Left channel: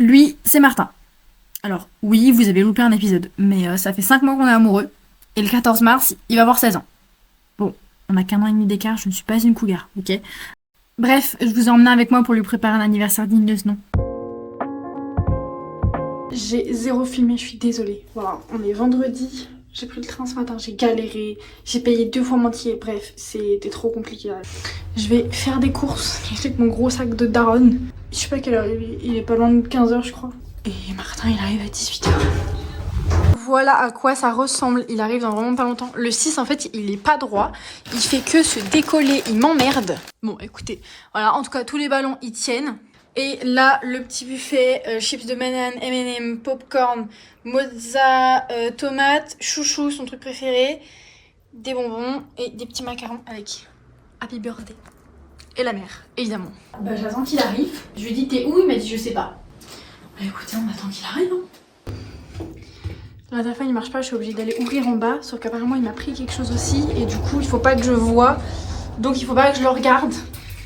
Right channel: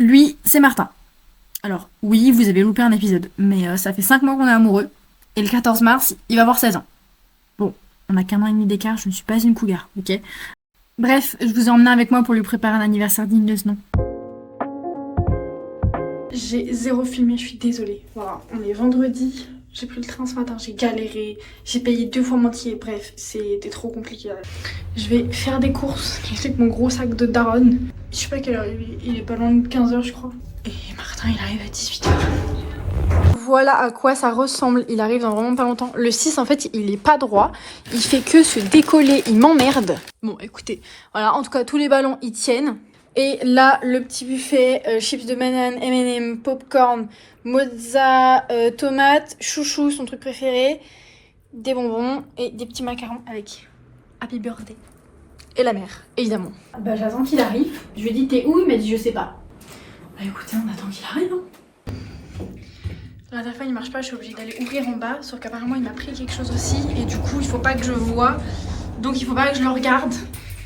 Lui, c'est Martin. Alors, oui, vous avez loupé un épisode, mais ça fait 5 mois qu'on est amoureux, et le 14 mars, il va avoir 16 ans. Bon, on a qu'1 an et demi d'écart, je ne suis pas une cougar, ok? Bref, je vous ai emmené avec moi pour lui préparer un anniversaire digne de ce nom. J'ai zéro filmé, je suis désolée. Voilà, on est vendredi, j'ai pris le train ce matin, j'ai galéré, j'ai payé 2 fois moitié, bref, c'était trop compliqué. Je vais faire des courses avec mon gros sac de daronne. Je sais pas quelle heure il est pas loin de 15h je crois. Et Martin il arrive à 18h. Voilà à quoi ça ressemble, il arrive dans vraiment pas longtemps. Le 6 en fait il est pas droit, il fait que se décoller, il m'emmerde. Bon écoutez, voilà en tout cas tous les ballons ils tiennent. Et là le petit buffet, chips de banane, M&M, popcorn, mozza, tomate, chouchou son truc préféré, des bonbons et des petits macarons avec Happy Birthday. Et la mère, évidemment. Bah j'attends qu'il arrive. Je lui ai dit t'es où? Il m'a dit je sais pas. Bah écoutez, on attend qu'il arrive. Hein. Le téléphone il marche pas, je suis obligée d'aller ouvrir en bas. Sauf qu'apparemment il m'a pris quelque chose aussi. Et du coup il faut pas que je vois. Donc il faut pas que je le regarde.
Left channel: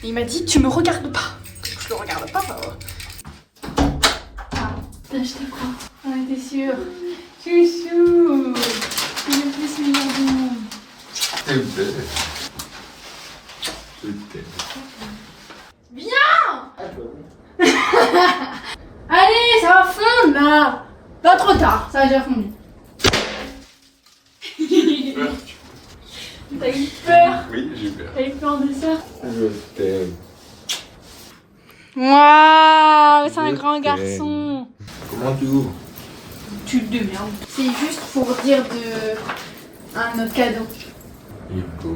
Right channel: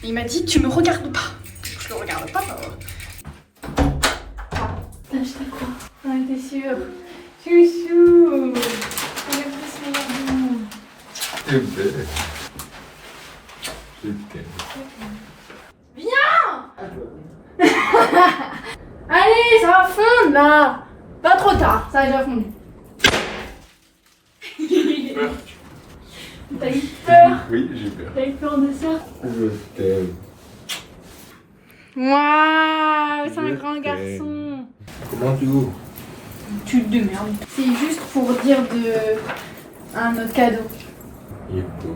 Et il m'a dit tu me regardes pas. Je le regarde pas. Ah, t'as acheté quoi? On était sûrs. Chouchou. C'est le plus meilleur du monde. C'est belle. Je t'aime. Viens. Allez, ça va fondre là. Pas trop tard, ça a déjà fondu. T'as eu peur? Oui, j'ai peur. T'as eu peur de ça? Je t'aime. Waouh, c'est un Je grand t'aime. garçon. Comment tu ouvres? Tu te démerdes. C'est juste pour dire de un autre cadeau. Il est beau.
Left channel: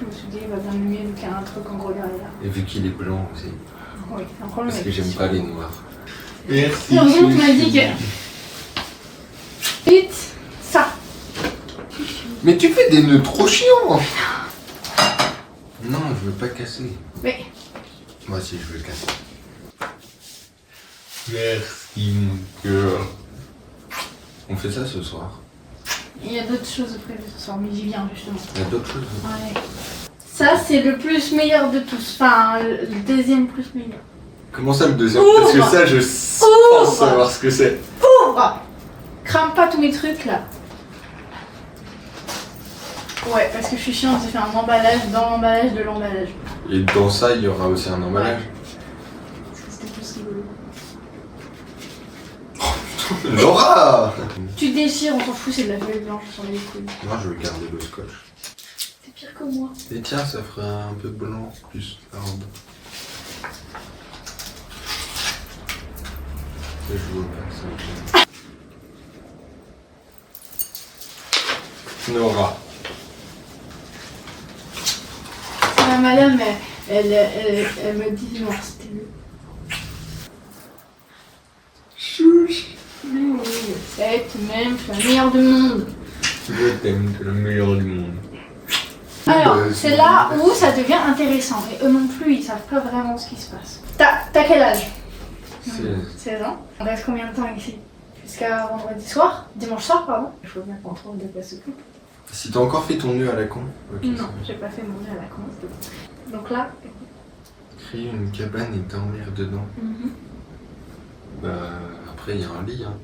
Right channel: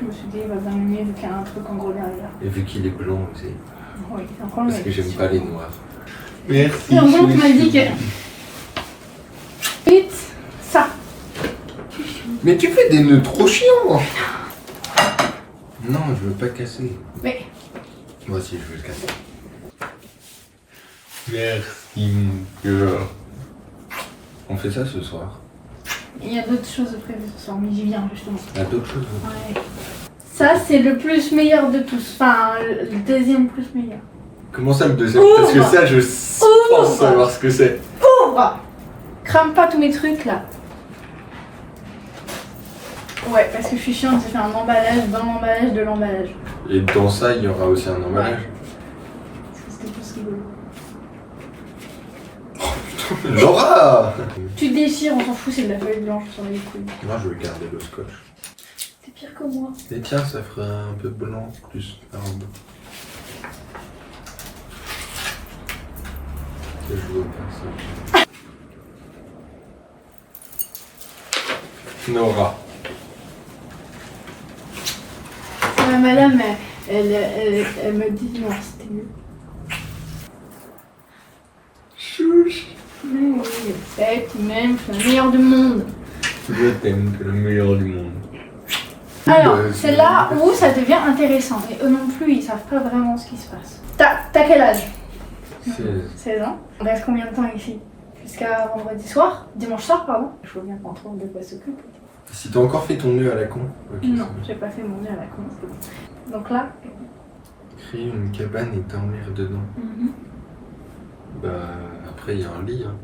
Je me suis dit, il va bien m'aimer vu qu'il y a un truc en gros derrière. Et vu qu'il est blanc aussi. Oui, c'est un problème. Parce que j'aime pas les noirs. Merci. Et en gros, tu m'as dit que. Vite, ça. Mais tu fais des nœuds trop chiants. Non, je veux pas casser. Mais. Moi aussi, je veux casser. Merci, mon cœur. On fait ça ce soir. Il y a d'autres choses prévues ce soir, mais j'y viens justement. Il y a d'autres choses. Ouais. Ça, c'est le plus meilleur de tous. Enfin, le deuxième plus meilleur. Comment ça le deuxième? Ouvre. Parce que ça, je Ouvre. pense savoir ce que c'est. Ouvre! Crame pas tous mes trucs là. Ouais, parce que je suis chiante, j'ai fait un emballage dans l'emballage de l'emballage. Et dans ça, il y aura aussi un emballage. Parce que c'était plus rigolo. Laura! Tu déchires, on s'en fout, c'est de la feuille blanche sur les couilles. Moi, je vais garder le scotch. C'est pire que moi. Et tiens, ça ferait un peu blanc plus la robe. Et je vois pas ça. Nora. Madame, elle me dit non, c'était mieux. Chouche. Mais oui, je sais, tout de même, je suis la meilleure du monde. Je t'aime, t'es le meilleur du monde. Alors, c'est là où ça devient intéressant. Et eux non plus, ils savent pas vraiment ce qui se passe. T'as quel âge? 16 ans. On reste combien de temps ici? Jusqu'à vendredi soir? Dimanche soir, pardon. Il faut bien qu'on trouve de quoi s'occuper. Si t'as encore fait ton nœud à la con. Ok, Non, c'est j'ai pas fait mon nez à la con. Donc là. bon. Crée une cabane et dormir dedans. Bah, après, il y a un lit. Hein.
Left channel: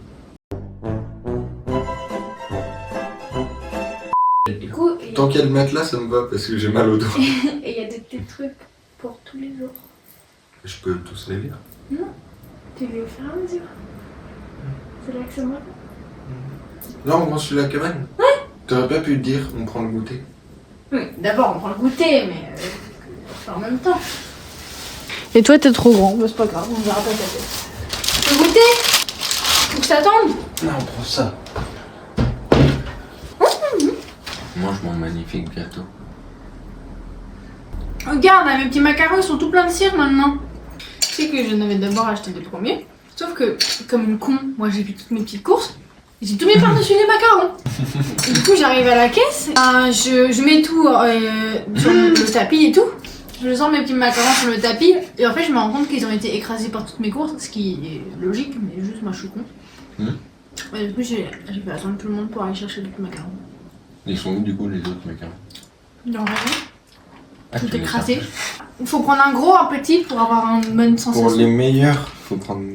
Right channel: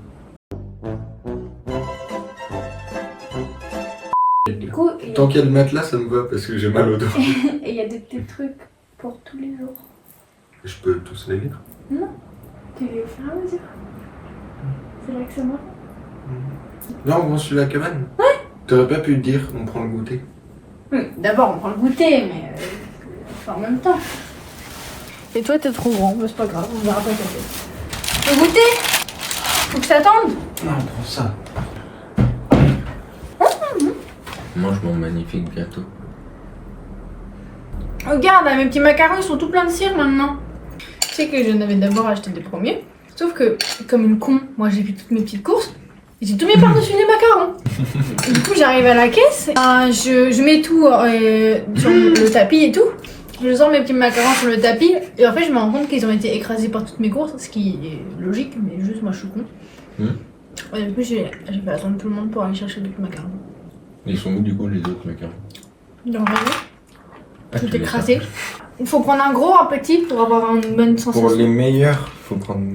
Du coup, Tant qu'il y a le matelas, ça me va parce que j'ai mal au dos. et il y a des petits trucs pour tous les jours. Je peux tous les lire. Non, tu les au fur et à mesure. C'est là que c'est moi. Là, on construit la cabane. Ouais. T'aurais pas pu dire, on prend le goûter. Oui, d'abord on prend le goûter, mais en même temps. Et toi t'es trop grand, c'est pas grave, on verra pas ta tête. Tu veux goûter? Faut que je t'attende? Non, on prend ça. Mange mon magnifique gâteau. Regarde, là, mes petits macarons ils sont tout pleins de cire maintenant. Tu sais que je n'avais d'abord acheté des premiers, sauf que comme une con, moi j'ai vu toutes mes petites courses. J'ai tout mis par-dessus les macarons. Et du coup, j'arrive à la caisse, je mets tout sur le tapis et tout. Je sors mes petits macarons sur le tapis et en fait, je me rends compte qu'ils ont été écrasés par toutes mes courses, ce qui est logique, mais juste moi je suis con. Et du coup, j'ai fait attendre tout le monde pour aller chercher d'autres macarons. Ils sont où du coup les autres macarons? Dans le rayon, tout écrasé. Il faut prendre un gros, un petit pour avoir une bonne sensation. Pour les meilleurs, il faut prendre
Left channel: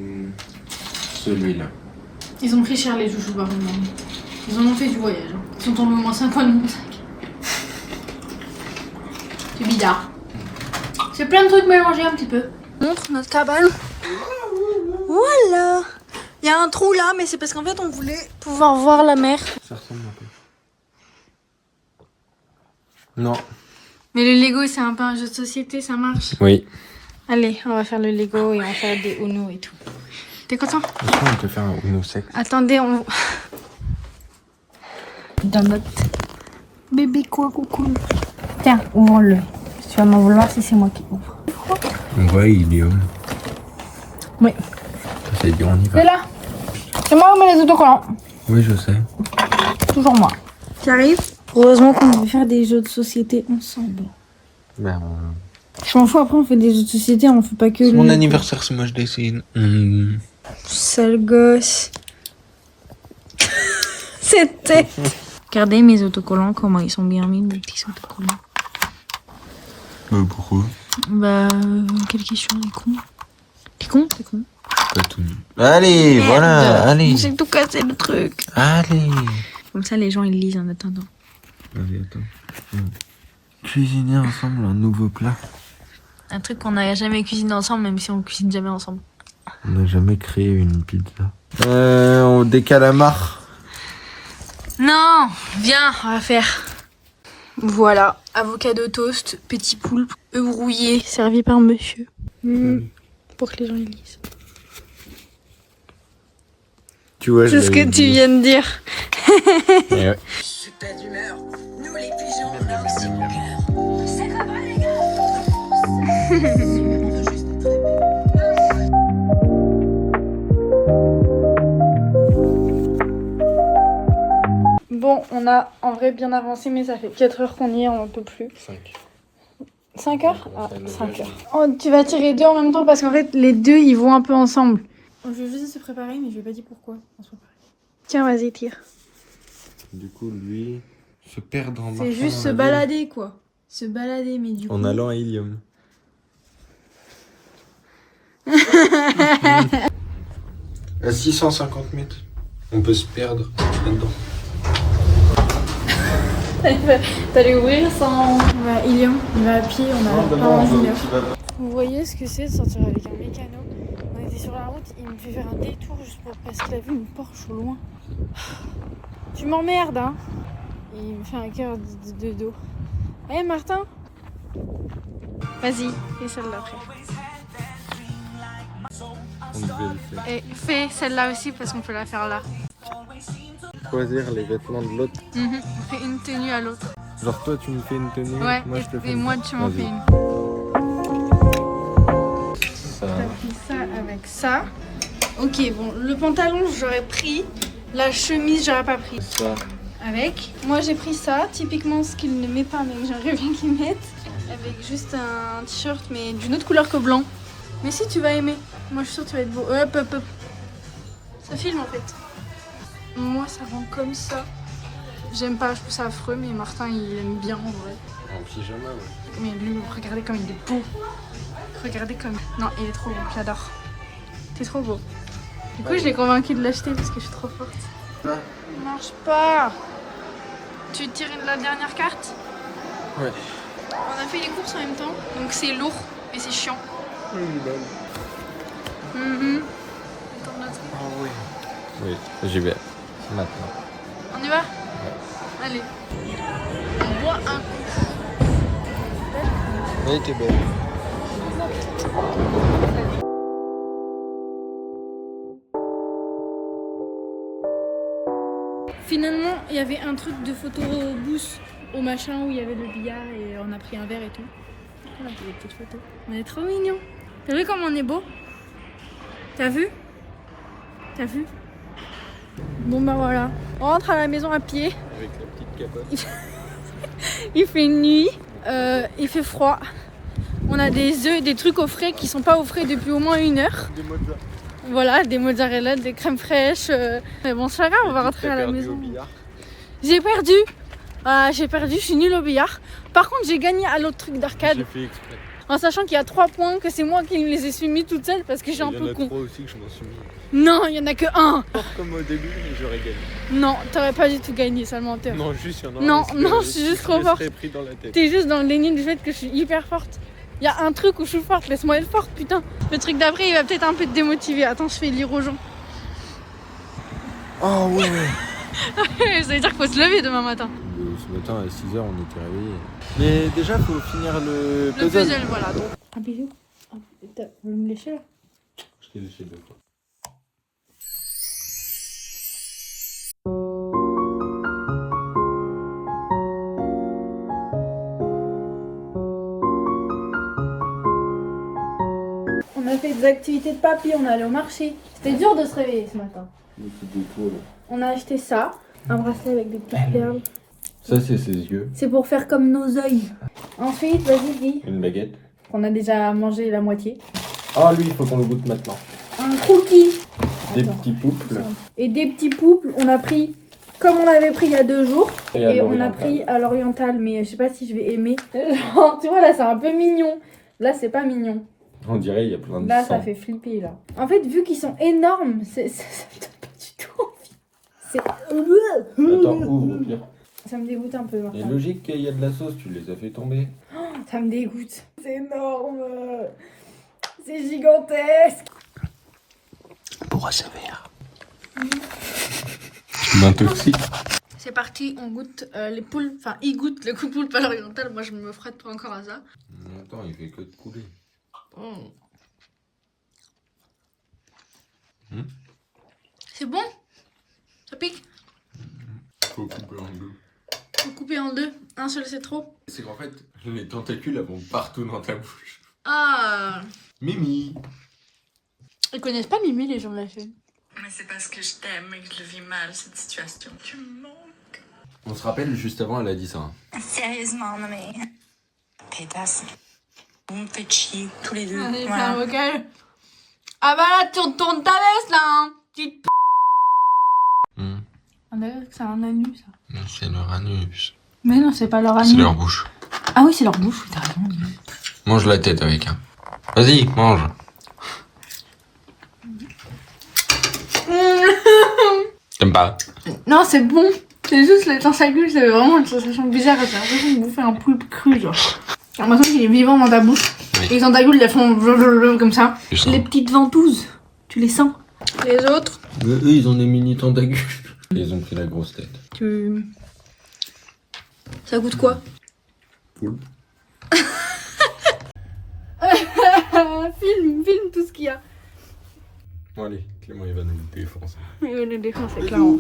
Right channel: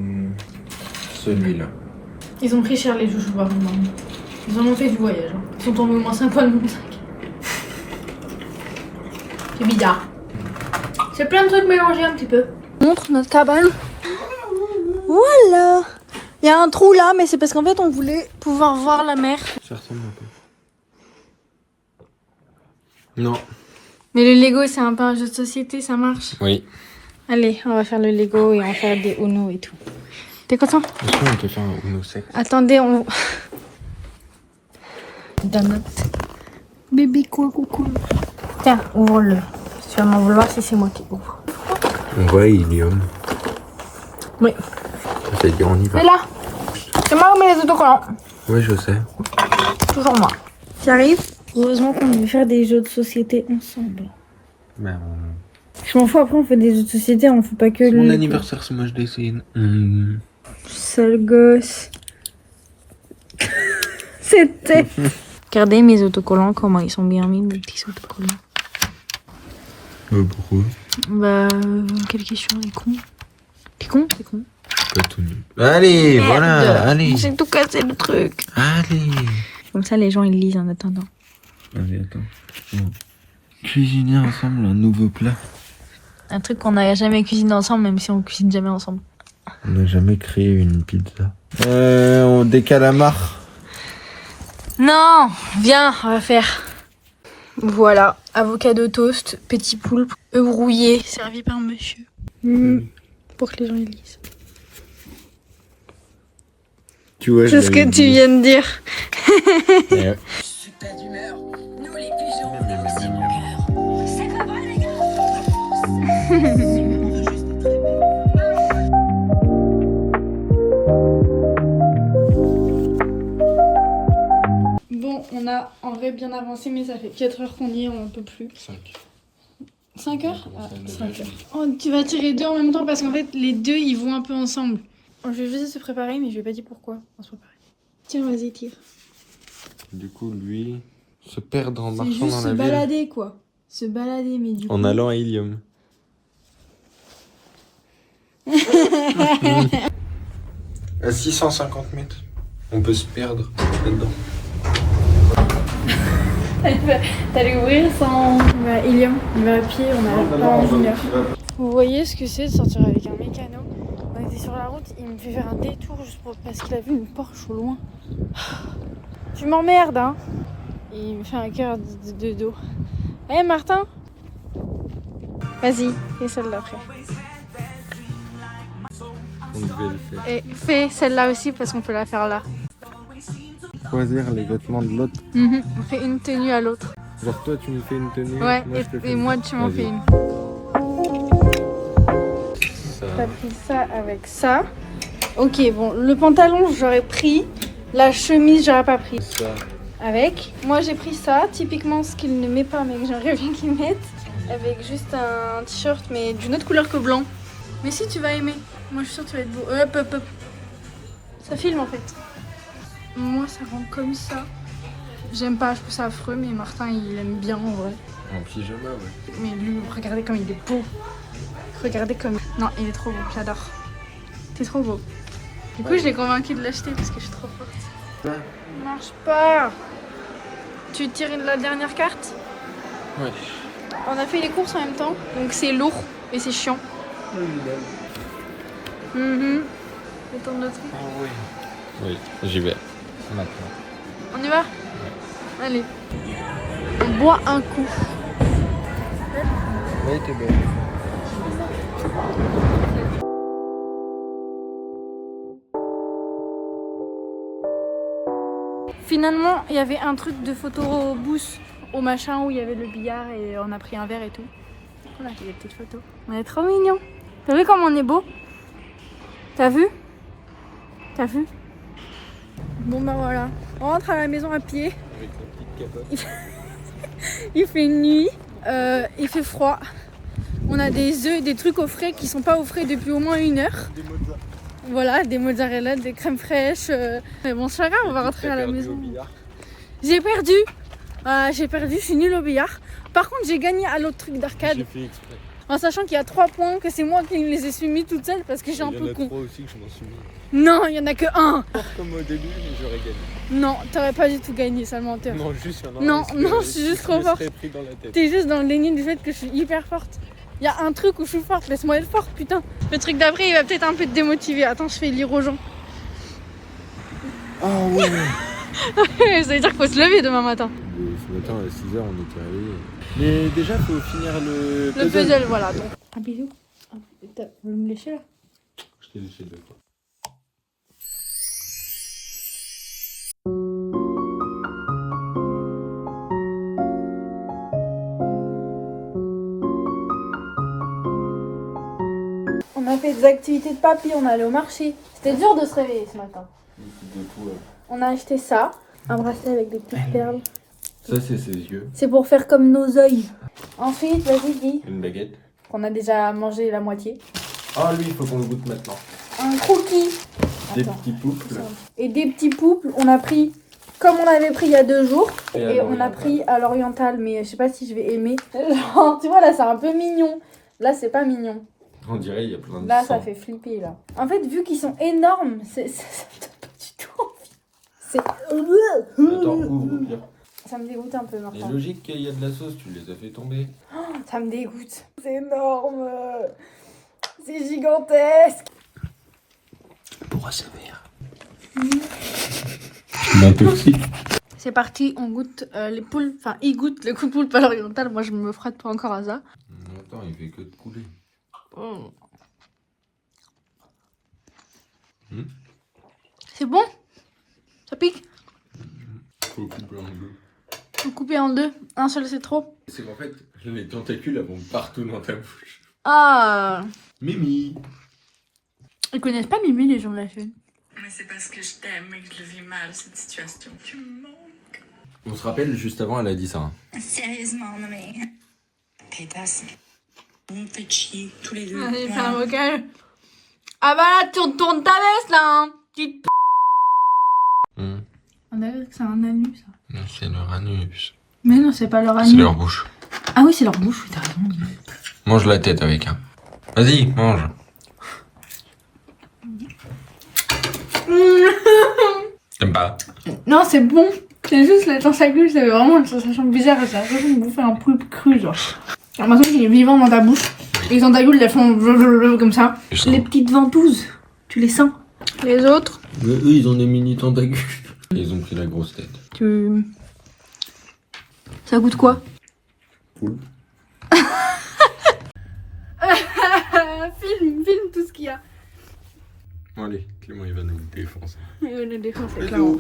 celui-là. Ils ont pris cher les joujoux par contre. Ils en ont fait du voyage. Hein. Ils sont tombés au moins 5 fois de mon sac. C'est bizarre. C'est plein de trucs mélangés un petit peu. Montre notre cabane. Voilà. Il y a un trou là, mais c'est parce qu'en fait on voulait pouvoir voir la mer. Ça ressemble un peu. Non. Mais le Lego c'est un peu un jeu de société, ça marche. Oui. Allez, on va faire le Lego et on va faire des Uno et tout. T'es content? Franchement, on peut faire un Uno 7. Attendez, on... Dans notre bébé quoi coucou. Tiens, ouvre-le. Tu vas m'en vouloir si c'est moi qui ouvre. Ouais, Ilium. Oui. C'est dire, on y va. C'est là. C'est moi qui mets les autocollants. Oui, je sais. Toujours moi. Tu arrives? Heureusement qu'on veut faire des jeux de société ensemble. Bah... Je m'en fous, après on fait des jeux de société, on fait pas que C'est mon anniversaire, c'est moi je décide. Sale gosse. C'était. Regardez mes autocollants, comment ils sont bien mis, mes petits autocollants. Pourquoi? Bah, quelle question, les cons. T'es con? T'es con? Pas tout nu. Allez, Merde. voilà, allez. J'ai tout cassé le truc. Allez. Comme ça, les gens ils lisent en attendant. Allez, attends. Cuisiner ensemble un nouveau plat. Un truc qu'on n'a jamais cuisiné ensemble, même si on cuisine jamais ensemble. On n'a jamais créé une pizza. Des calamars. Non, viens, on va faire. Voilà, avocado toast, petit poulpe, œufs brouillés, servi par monsieur. Pour que les gens ils lisent. Tu vois, C'est ce que tu viens de dire. Ouais. Je suis pas d'humeur, nous les pigeons. C'est pas vrai, les gars. Bon, on a en vrai bien avancé, mais ça fait 4 heures qu'on y est, on n'en peut plus. 5 heures? Ah, 5 heures. Oh, tu vas tirer 2 en même temps parce qu'en fait, les deux ils vont un peu ensemble. Je vais juste se préparer, mais je vais pas dire pourquoi on se prépare. Tiens, vas-y, tire. Du coup, lui, se perdre en marchant C'est juste dans se la balader, quoi. Se balader, mais du ville. coup... En allant à Ilium. À 650 mètres, on peut se perdre là-dedans. T'allais ouvrir sans... Ilium, on va à pied, on a pas une heure. Vous voyez ce que c'est de sortir avec un mécano? On était sur la route, il me fait faire un détour juste parce qu'il a vu une Porsche au loin. Tu m'emmerdes, hein? Il me fait un cœur de dos. Allez, Martin? Vas-y, fais celle-là après. On devait le faire. Et fais celle-là aussi parce qu'on peut la faire là. Choisir les vêtements de l'autre. On fait une tenue à l'autre. Genre toi tu me fais une tenue, Ouais, moi je te fais et une. moi tu m'en Vas-y. fais une. T'as pris ça avec ça. Ok, bon, le pantalon j'aurais pris. La chemise j'aurais pas pris. Ça. Avec. Moi j'ai pris ça, typiquement ce qu'il ne met pas mais que j'aimerais bien qu'il mette. Avec juste un t-shirt mais d'une autre couleur que blanc. Mais si tu vas aimer. Moi je suis sûre que tu vas être beau. Hop hop hop. Ça filme en fait. Moi ça rend comme ça. J'aime pas, je trouve ça affreux mais Martin il aime bien en vrai. En pyjama. Mais lui, regardez comme il est beau. Regardez comme... Non, il est trop beau, j'adore. T'es trop beau. Du coup, je l'ai convaincu de l'acheter parce que je suis trop forte. Ouais. Il marche pas. Tu tires la dernière carte? Ouais. On a fait les courses en même temps, donc c'est lourd et c'est chiant. Le temps de loterie. Ah ouais. Oui, j'y vais. Maintenant. On y va? Allez. On boit un coup. Oui, t'es belle. Finalement, il y avait un truc de photo booth au machin où il y avait le billard et on a pris un verre et tout. On a fait des petites photos. On est trop mignons. T'as vu comme on est beau? T'as vu? T'as vu? Bon bah voilà. On rentre à la maison à pied. Avec la petite capote. Il fait nuit. Il fait froid. On a des œufs et des trucs au frais qui sont pas au frais depuis au moins 1 heure. Des mozzarella. Voilà, des mozzarella, des crèmes fraîches. Mais bon, c'est pas grave, on va rentrer à la maison. J'ai perdu. J'ai perdu, je suis nulle au billard. Par contre, j'ai gagné à l'autre truc d'arcade. J'ai fait exprès. En sachant qu'il y a 3 points, que c'est moi qui les ai soumis toute seule parce que j'ai un peu con. Il y en a 3 aussi que je m'en suis mis. Non, il y en a que 1. Comme au début, j'aurais gagné. Non, t'aurais pas du tout gagné, sale menteur. Non, juste, il y en a Non, un, non, je suis juste trop forte. Je pris dans la tête. T'es juste dans le déni du fait que je suis hyper forte. Il y a un truc où je suis forte, laisse-moi être forte, putain. Le truc d'après, il va peut-être un peu te démotiver. Attends, je fais lire aux gens. Oh ouais. Ça veut dire qu'il faut se lever demain matin. Ce matin à 6h, on était réveillés. Mais déjà, il faut finir le puzzle, voilà. Donc. Un bisou. Vous voulez me lécher là? Je t'ai léché deux fois. On a fait des activités de papy, on est allé au marché. C'était dur de se réveiller ce matin. On a acheté ça, un bracelet avec des petites perles. Ça, c'est ses yeux. C'est pour faire comme nos yeux. Ensuite, vas-y, dis. Une baguette. On a déjà mangé la moitié. Ah, lui, il faut qu'on le goûte maintenant. Un cookie. Des Attends. petits pouples. Et des petits pouples, on a pris comme on avait pris il y a 2 jours. Et à Et on a pris à l'oriental, mais je sais pas si je vais aimer. Genre, tu vois, là, c'est un peu mignon. Là, c'est pas mignon. On dirait il y a plein de Là, sang. ça fait flipper, là. En fait, vu qu'ils sont énormes, ça me donne pas du tout envie. C'est... Attends, ouvre. Ça me dégoûte un peu, C'est Martin. logique qu'il y a de la sauce, tu les as fait tomber. Ça me dégoûte. C'est énorme. C'est gigantesque. Pour sévère. M'intoxique. C'est parti, on goûte les poules. Enfin, ils goûtent le coup de poulpe à l'oriental. Moi, je me frette pas encore à ça. Attends, il fait que de couler. Oh. Hmm. C'est bon? Ça pique? Faut couper en deux. Faut couper en 2. Un seul, c'est trop. C'est qu'en fait, les tentacules elles vont partout dans ta bouche. Ah. Mimi. Ils connaissent pas Mimi, les gens de la chaîne. Mais c'est parce que je t'aime et que je le vis mal, cette situation. Tu me manques. On se rappelle, juste avant, elle a dit ça. Hein. Sérieusement, non mais... Pétasse. Vous me faites chier, tous les deux. Allez, c'est Voilà. un vocal. Ah bah là, tourne ta veste, là, hein. Petite p... On dirait que c'est un anus, ça. C'est leur anus. Mais non, c'est pas leur anus. C'est leur bouche. Ah oui, c'est leur bouche, oui, t'as raison. Mange la tête avec, hein. Vas-y, mange. T'aimes pas? Non, c'est bon. C'est juste les tentacules, c'est vraiment une sensation bizarre. T'as l'impression de bouffer un poulpe cru, genre. T'as l'impression qu'il est vivant dans ta bouche. Et les tentacules, elles font comme ça. Les petites ventouses, tu les sens. Les autres, Mais eux, ils ont des mini tentacules. Ils ont pris la grosse tête. ça goûte quoi? Poulpe. Filme tout ce qu'il y a. Bon, allez, Clément, il va nous défoncer. Il va nous défoncer, clairement.